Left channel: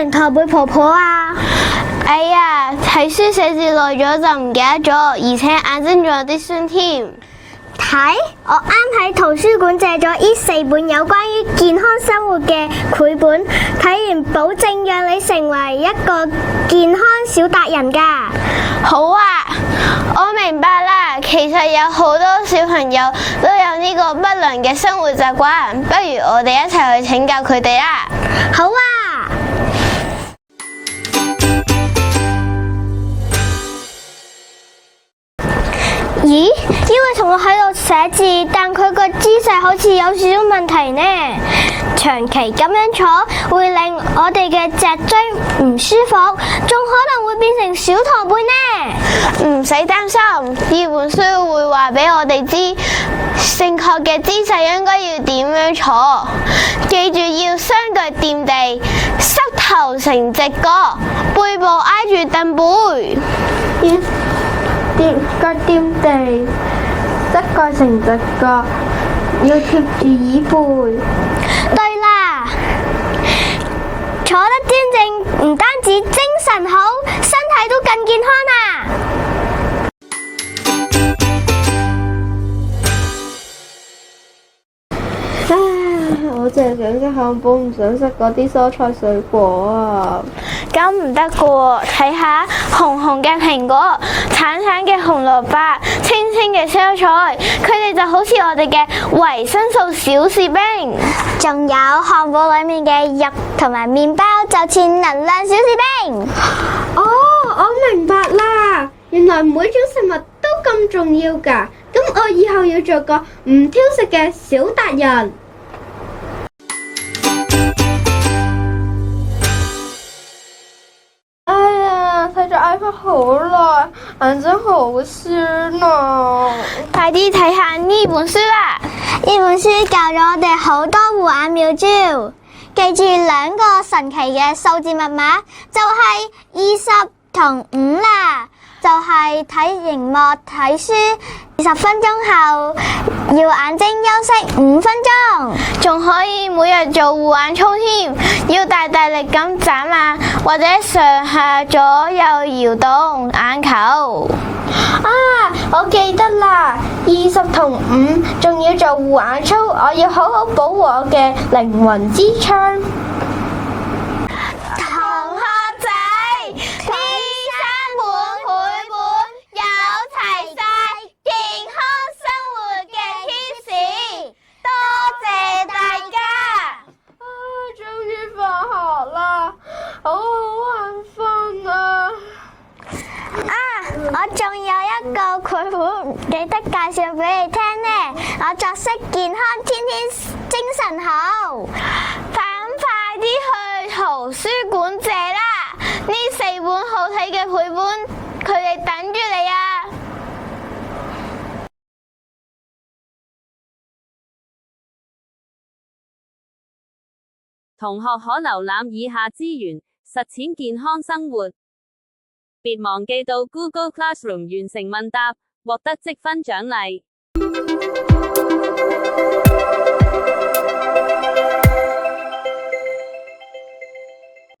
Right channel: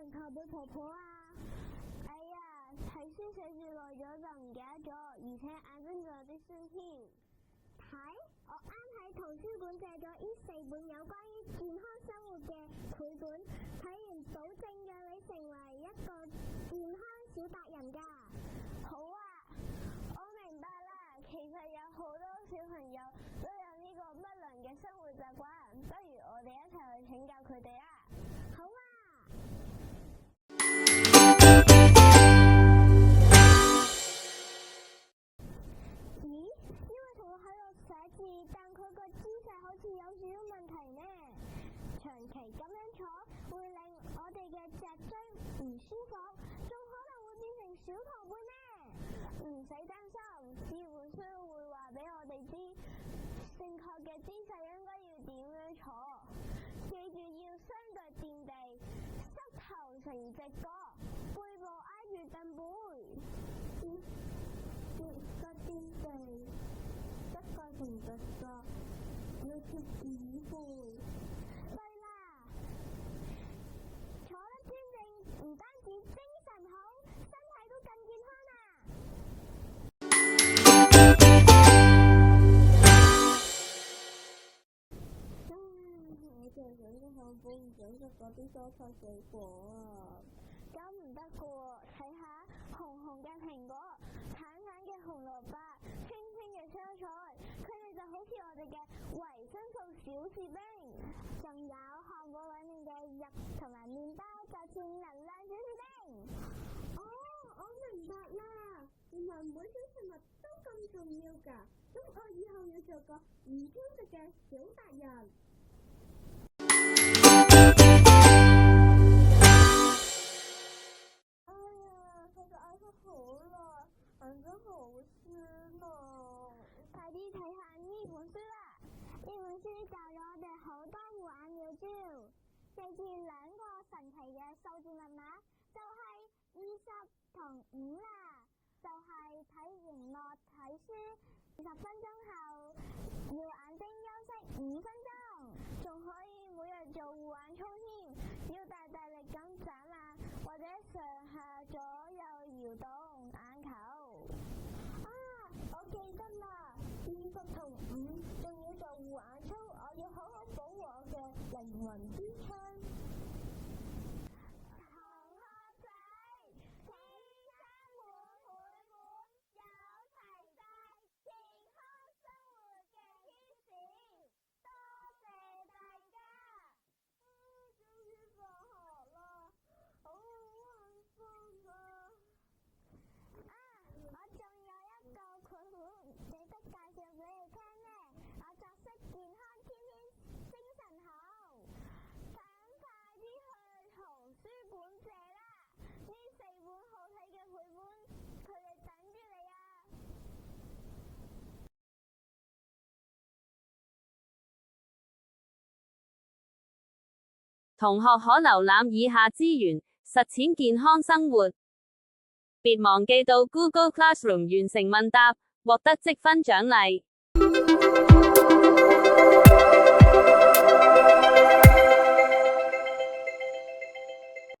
成駝背婆婆啊？哎呀，睇書寫字耐咗就唔記得咗，而且眼睛仲有啲酸添。睇，我啱喺圖書館借咗呢4本有關於健康生活嘅繪本，睇完保證讓你成為一個健康小達人㗎。好啊，我明白啦。其實有好多小朋友都有呢個不良嘅生活習慣，不如我哋一齊去請教佢哋啦。好啊。咦？呢位同學喺度寫字，但佢個姿勢好似有少少問題呢。長期咁樣坐會令我哋嘅脊椎唔舒服，仲可能會變成小駝背呢。唔使擔心，呢本書會話俾我哋知正確嘅姿勢應該要點樣坐。記住要雙腳掂地，膝頭成直角，背部挨住凳背。腳掂地，膝蓋成直角，要貼住椅背。對啦，坐得端正唔單止精神好，身體都更健康啊！我淨係想食漢堡，唔想食嗰啲蔬菜水果啊！咁唔得噶喎，睇下紅紅嘅蘋果、橙橙嘅紅蘿蔔、青青嘅蔬菜，佢哋就好似我哋嘅維生素小士兵。仲有漢堡裏面嘅肉同埋麵包，就似能量小士兵。哦，我明白啦，原來每種食物都咁重要㗎。咁我以後要做個唔挑食嘅小達人。睇咗 iPad 好耐，眼睛好酸啊！快啲睇下呢本書啦！呢本書教咗我哋好多護眼妙招，記住2個神奇嘅數字密碼，就係20同5啦。就係睇熒幕睇書20分鐘後，要眼睛休息5分鐘，仲可以每日做護眼操添，要大力咁眨眼或者上下左右搖動眼球。啊，我記得啦，20同5，仲要做護眼操，我要好好保護我嘅靈魂之窗。我仲有一個繪本記得介紹俾你聽呢。我作息健康，天天精神好。快啲去圖書館借啦！呢4本好睇嘅繪本，佢哋等住你啊！同學可瀏覽以下資源，實踐健康生活。別忘記到 Google Classroom 完成問答，獲得積分獎勵。